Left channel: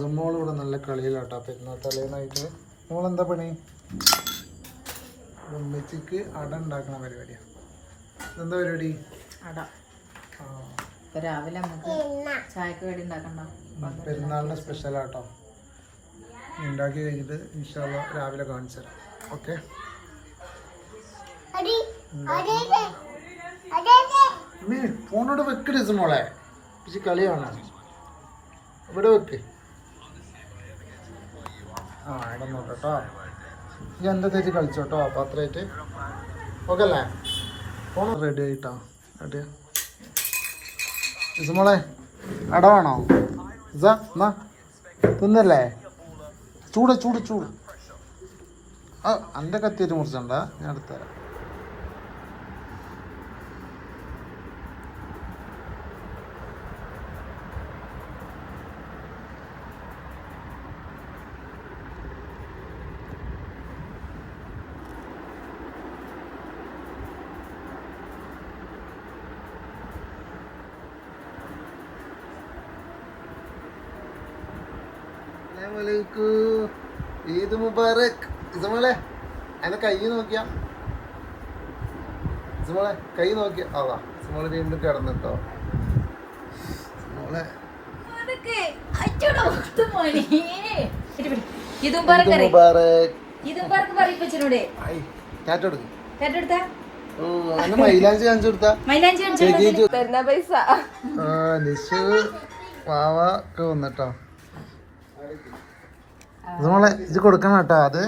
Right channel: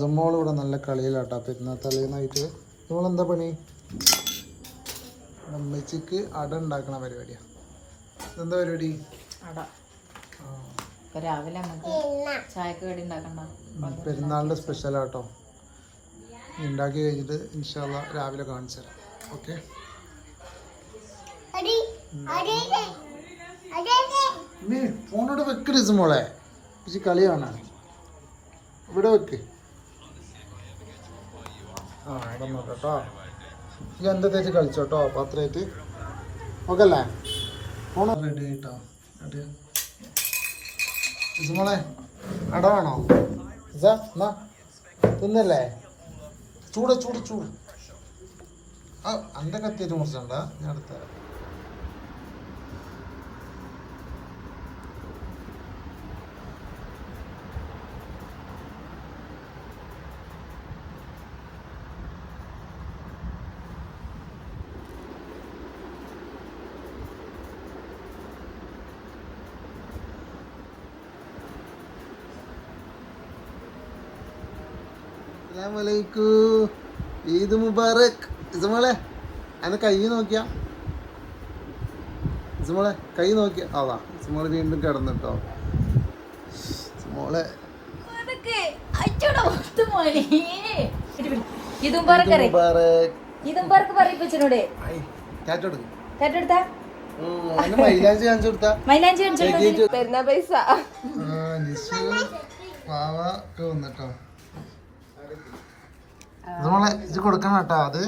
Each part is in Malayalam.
സുമോൾ ഇവിടെ നല്ല കളിയിലാട്ടോ. പെരുന്നാൾ തലേന്നായിട്ട് നമ്മൾ എന്താ പണി ഉമ്മച്ചിക്ക് അട ഉണ്ടാക്കണ പരിപാടിയാണ് എന്താ പരിപാടി? അട. ആ, ഇപ്പൊ രാവിലെ നമുക്ക് ചായക്ക് കടി ഉണ്ടാക്കണ്ട. പെരുന്നാളിന്റെ സ്പെഷ്യലാട്ടോ. ഉണ്ടാക്കി കഴിഞ്ഞിട്ട് ഇൻഷാല്ല രാവിലെ കാണിച്ചു തരാം. ഓക്കെ? ഫോണോട് വെക്കരുത് മോളെ പക്ഷെ കളിയാണ്? ഇവിടെ വെക്ക്. ആ ഇവിടെ കേട്ടോ എന്താ തേച്ച് കളിച്ചോട്ടോ അത്രയായിട്ട് ഓക്കെ അല്ലേ ഫോൺ റെഡി ആയിട്ടോ? റെഡി ഇസുമോളെ അട വേണോ? ഇസ എന്നാ? തിന്നല്ലേ? ചൂട് ചൂട് ചൂട്. ആ എന്റെ കത്തിയിട്ട് മുറിച്ചുണ്ടാ? ഞാൻ എടുത്തുതരാം അസ്സലാമലൈക്കു. ഈദ് മുബാറക്. ഇസമോളെ അതിന് കൈ നോക്കിയാ. ഇസമോളെ കൈ നോക്കിയ. ആവാ ഇസമോൾ വീണ്ടും കിടന്നിട്ടോ. ഇസമോളെ. മൈലാഞ്ചി കാണിച്ചു കൊടുത്താ. മൈലാഞ്ചി പെരുന്നാ പൈസ. പാവ ഒക്കെ വന്നിട്ടോ. ഇതുമോളെ ഇത് കൊടുക്കണം കേട്ടോ അത്.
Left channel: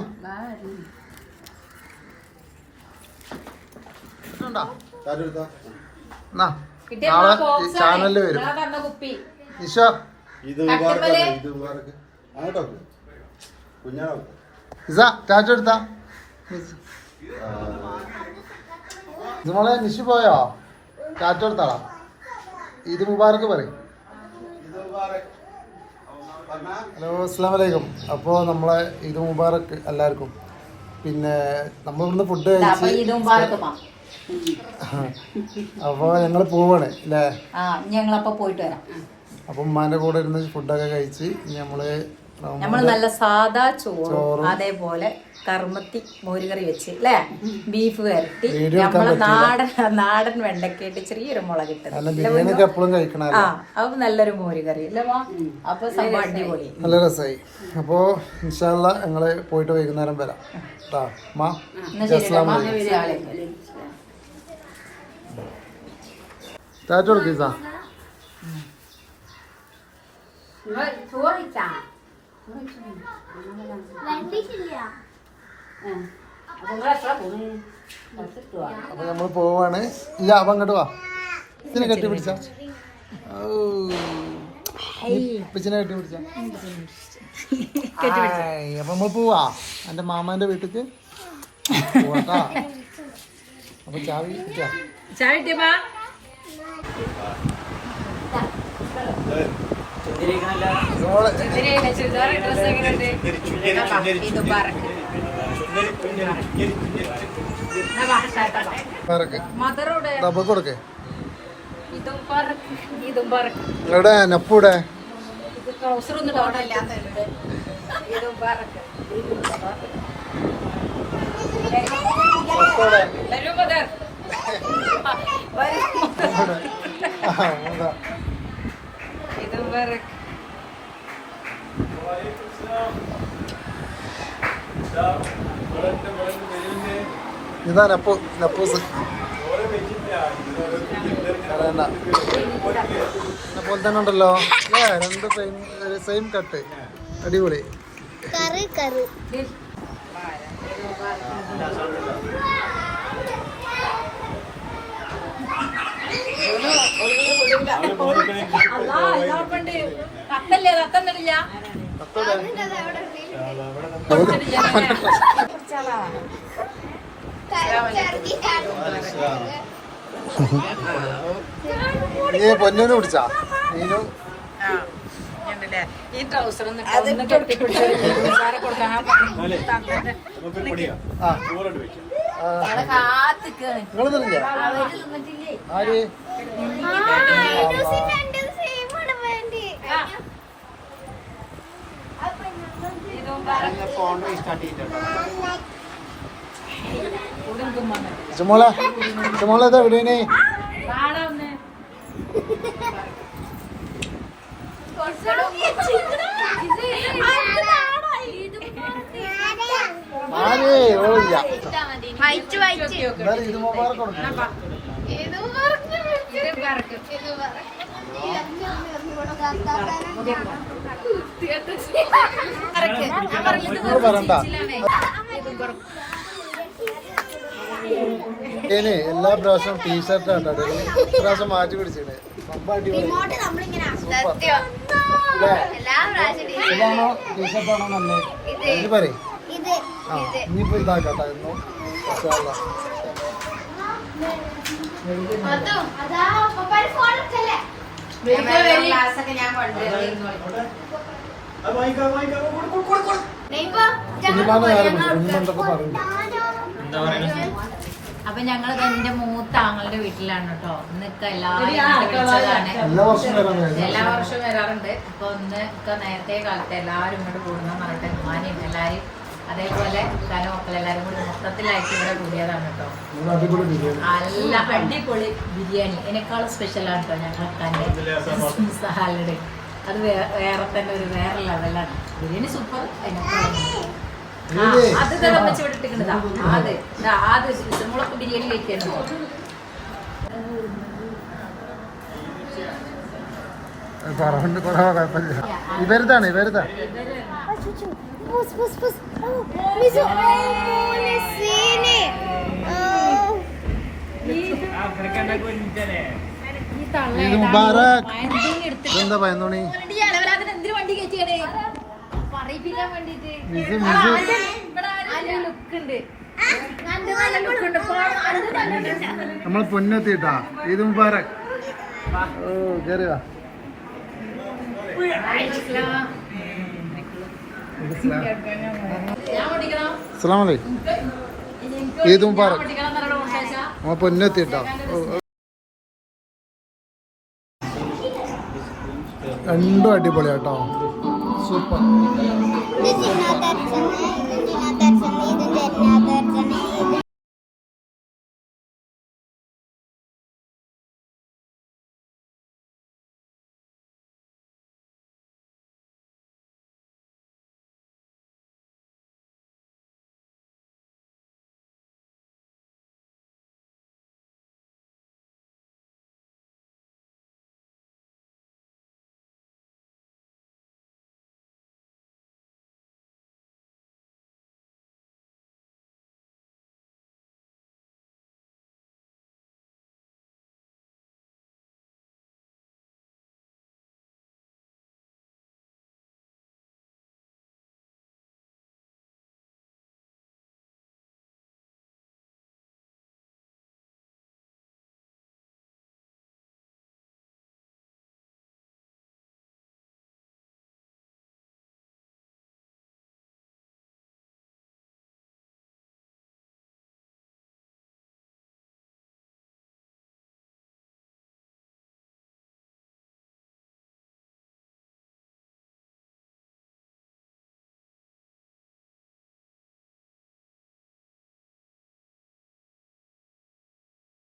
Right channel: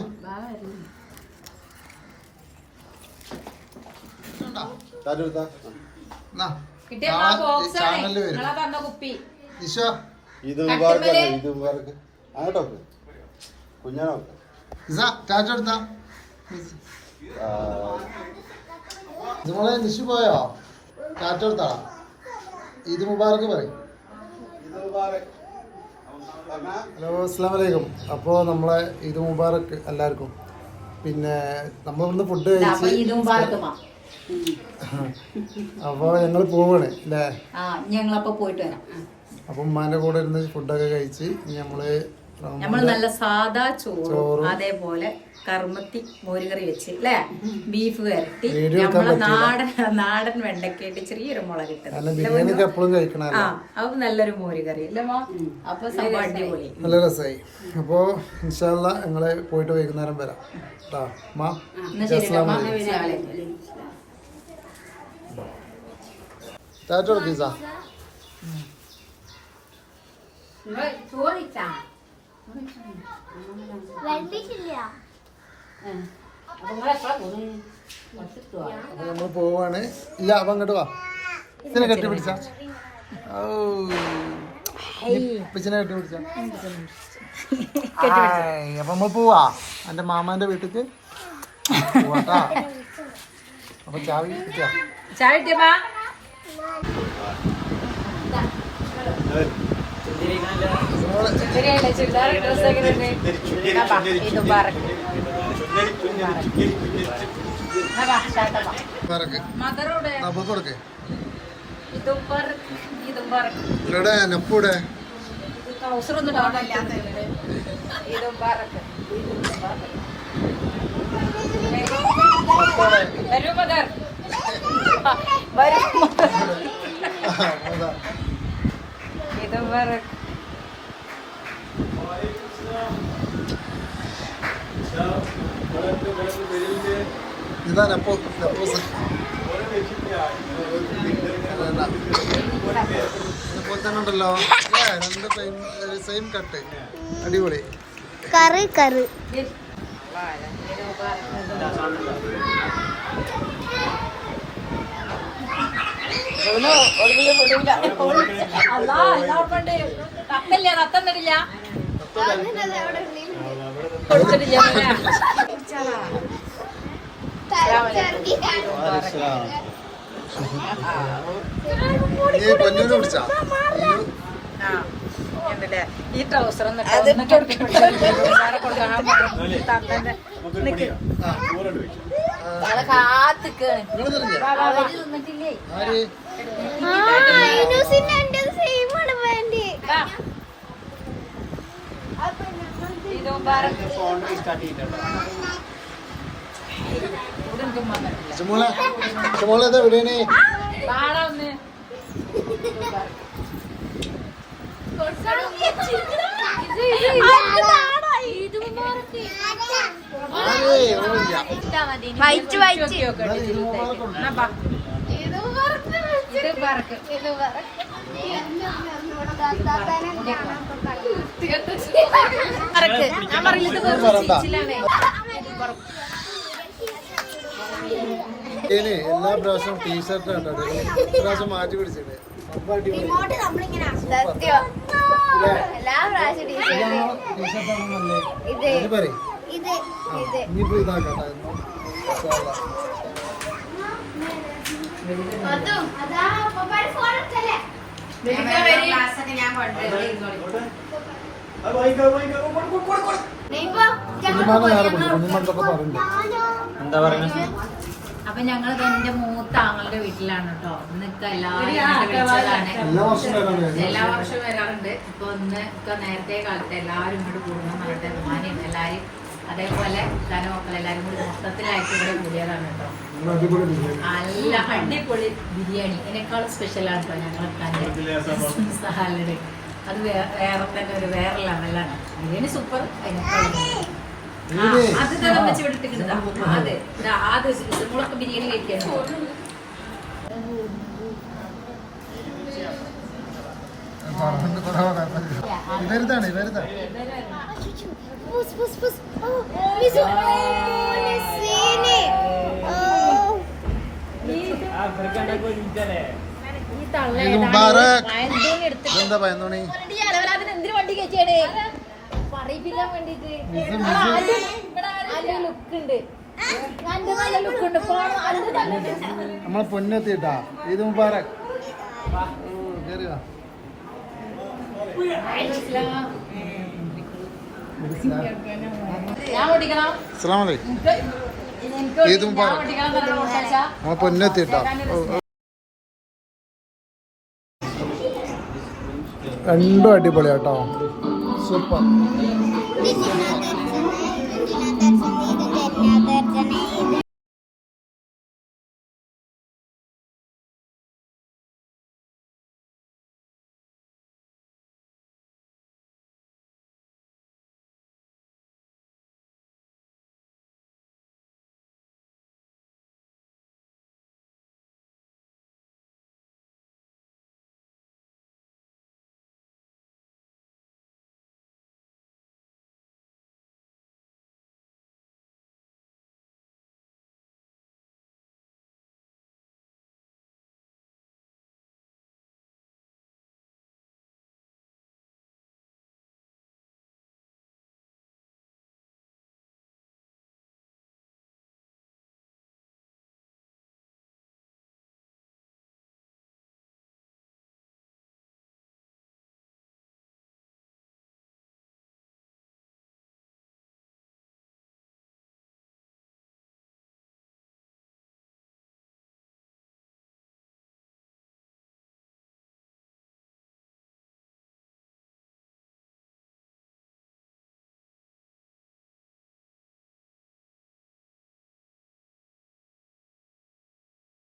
നാളെ ചാനലിൽ വരും. ഇത് ഇത് ആട്ടോ കുഞ്ഞാണോ ഇസ ടാറ്റ എടുത്താ ഇതുമോളെ നിഷു പോയോ? ടാറ്റ എടുത്താളാ ഈദ് മുബാറക്ക് പറയും ഹലോ അസ്സാം വലൈക്കും അപ്പോൾ നമ്മളെ ഇത് മുബാറക്ക് എല്ലാവർക്കും. പിന്നെ നമ്മളിവിടുന്ന് ഫുഡ് അപ്പൊ കഴിച്ച് അപ്പോൾ ഞങ്ങൾ പോവാണ് അല്ലേ? ഞങ്ങളപ്പോ പോയിട്ട് വരാം. അപ്പം ഉമ്മാന്റെ കൂടെ ഇരുന്ന് ഫുഡൊക്കെ കഴിച്ച് ഇനി നമ്മൾ നമ്മൾ നല്ല സാദാ ചോറും അതേപോലെ കർമ്മത്തി മോരുകറി വെച്ച് അല്ലേ ബീഫ് വരട്ടി. നമ്മളെ നാടൻ നാടൻ വെണ്ടക്കയിട്ട് ചെറിയൊരു മുളക് ഇട്ടത്. ആ അപ്പൊ നല്ലൊരു മോരുകറി. അല്ലേ മാ അപ്പൊ സംഭവം അടിപൊളി. നല്ല രസമായി ഇൻഷാല്ല ഞങ്ങൾ പോയിട്ട് വൈകുന്നേരം വരാം. ചോദിച്ചാ മാ. ടാറ്റ. അപ്പൊ നമ്മൾ പോവാണ്. ഇല്ല അപ്പൊ അങ്ങോട്ട് വാ. ഇതിനെ കെട്ടി പിടിച്ച. പിച്ചിനെ കെട്ടി പിടിച്ച. അപ്പൊ നമ്മൾ പോവാ. എന്റെ മാമാന്റെ വീട്ടിക്ക് പോവാട്ടാ. അപ്പൊ ചാവി കിട്ടിയാ. ചായ കിട്ടിയപ്പാ? കൊടുക്കേ. ഇവിടെ. നപ്പൂടെ വരൂ മദർ വരൂ ഇതും പറക്ക് ഇതാ നപ്പു നപ്പൂസ് പോലെ തന്നെ ഉണ്ടല്ലോ. ഏ രണ്ട് സെയിം സെയിം കട്ട് അടിപൊളി. കറി കറി. തത്തല്ലേ? തത്തം തരില്ല. കൊടുത്തിട്ടില്ല. കുടിച്ചാലാ നീ പൊന്നു പിടിച്ചാ? ഈ ട്രൗസർ ഒന്ന് എന്നിട്ട് ഒട്ടി ചുമോളെ ചുമോളെ ആരേ? ഓളില്ല വൈറ്റ് വൈറ്റ്. എന്തായാലും ഇത് എല്ലാ പ്രാവശ്യവും ടീഷർട്ട് ആട്ടോ പ്രാവശ്യം മാറ്റി പിടിച്ചിട്ട് സംഭവം അടിപൊളി സൂപ്പർ. അല്ലേ? ഇതാണോ ടീഷർട്ടാണോ നല്ലത്? ഇത്. പറയും. ഇനിയിപ്പോ ഇതാക്കട്ടെ. എന്താ പറയുക അപ്പൊ ഞങ്ങൾ എന്റെ മൂത്ത ആങ്ങളുടെ വീട്ടിലാണ് കേട്ടോ ഇന്നൊക്കെ എല്ലാവരും എല്ലാ വർഷവും വരാൻ എല്ലാ വർഷവും വരാറുണ്ട്. ഇപ്പൊ ഒന്ന് ഒക്കെ നേരത്തെ കാലത്ത് എല്ലാവരും ഇങ്ങോട്ട് കൂടുന്ന പറഞ്ഞിട്ട് ഉമ്മാനെയും എല്ലാരും അതേപോലെ കല മക്കൾ എല്ലാരും കൂടി മൊത്തത്തിലായിട്ട് ഇവിടെ കൂടിയതാണ് കേട്ടോ നല്ല അടിപൊളി ബിരിയാണി. എന്നെക്കാളും സ്പെഷ്യലാണ് കേട്ടോ ഞങ്ങളൊക്കെ സഹാലഡ് അത് വേ- വേറെ തന്നെ ഒരു വേറെ ലെവലാണ് ബിരിയാണി സൂപ്പർ ഇല്ലേ? അത്. തിളപ്പിച്ച് ബിരിയാണി കുഴപ്പമില്ല. ഇവരുതാണ് ഇവരുതാ. പുസ് പുസ് പുസ് ഓ മിസു ഓ മോനെ സീനെ ഓ മുബാറക് എന്താ പയന്തോണി എന്തിനു വണ്ടി കയറ്റിയാടേ പറയിപ്പിക്കാൻ വേണ്ടിട്ട് ലുക്ക് ഉണ്ട് നല്ല നല്ല ലുക്ക് ഉണ്ട് നമ്മളെ പൊന്നെത്തിട്ടാ. ഇത് മുബാരക് ഓ കേറിയ ഞാൻ ഓടിക്കണം അസ്സലാം വലൈക്കും ഈദ് മുബാറക്. നമ്മളെ പൊന്നെത്തിട്ടാ. രണ്ടും അടിപൊളിയാട്ടോ. സൂപ്പർ ഇത് ജിന്നാ ദർശനം ഇത് ജിന്നാ ദർശനം ഇത് ജന്നാ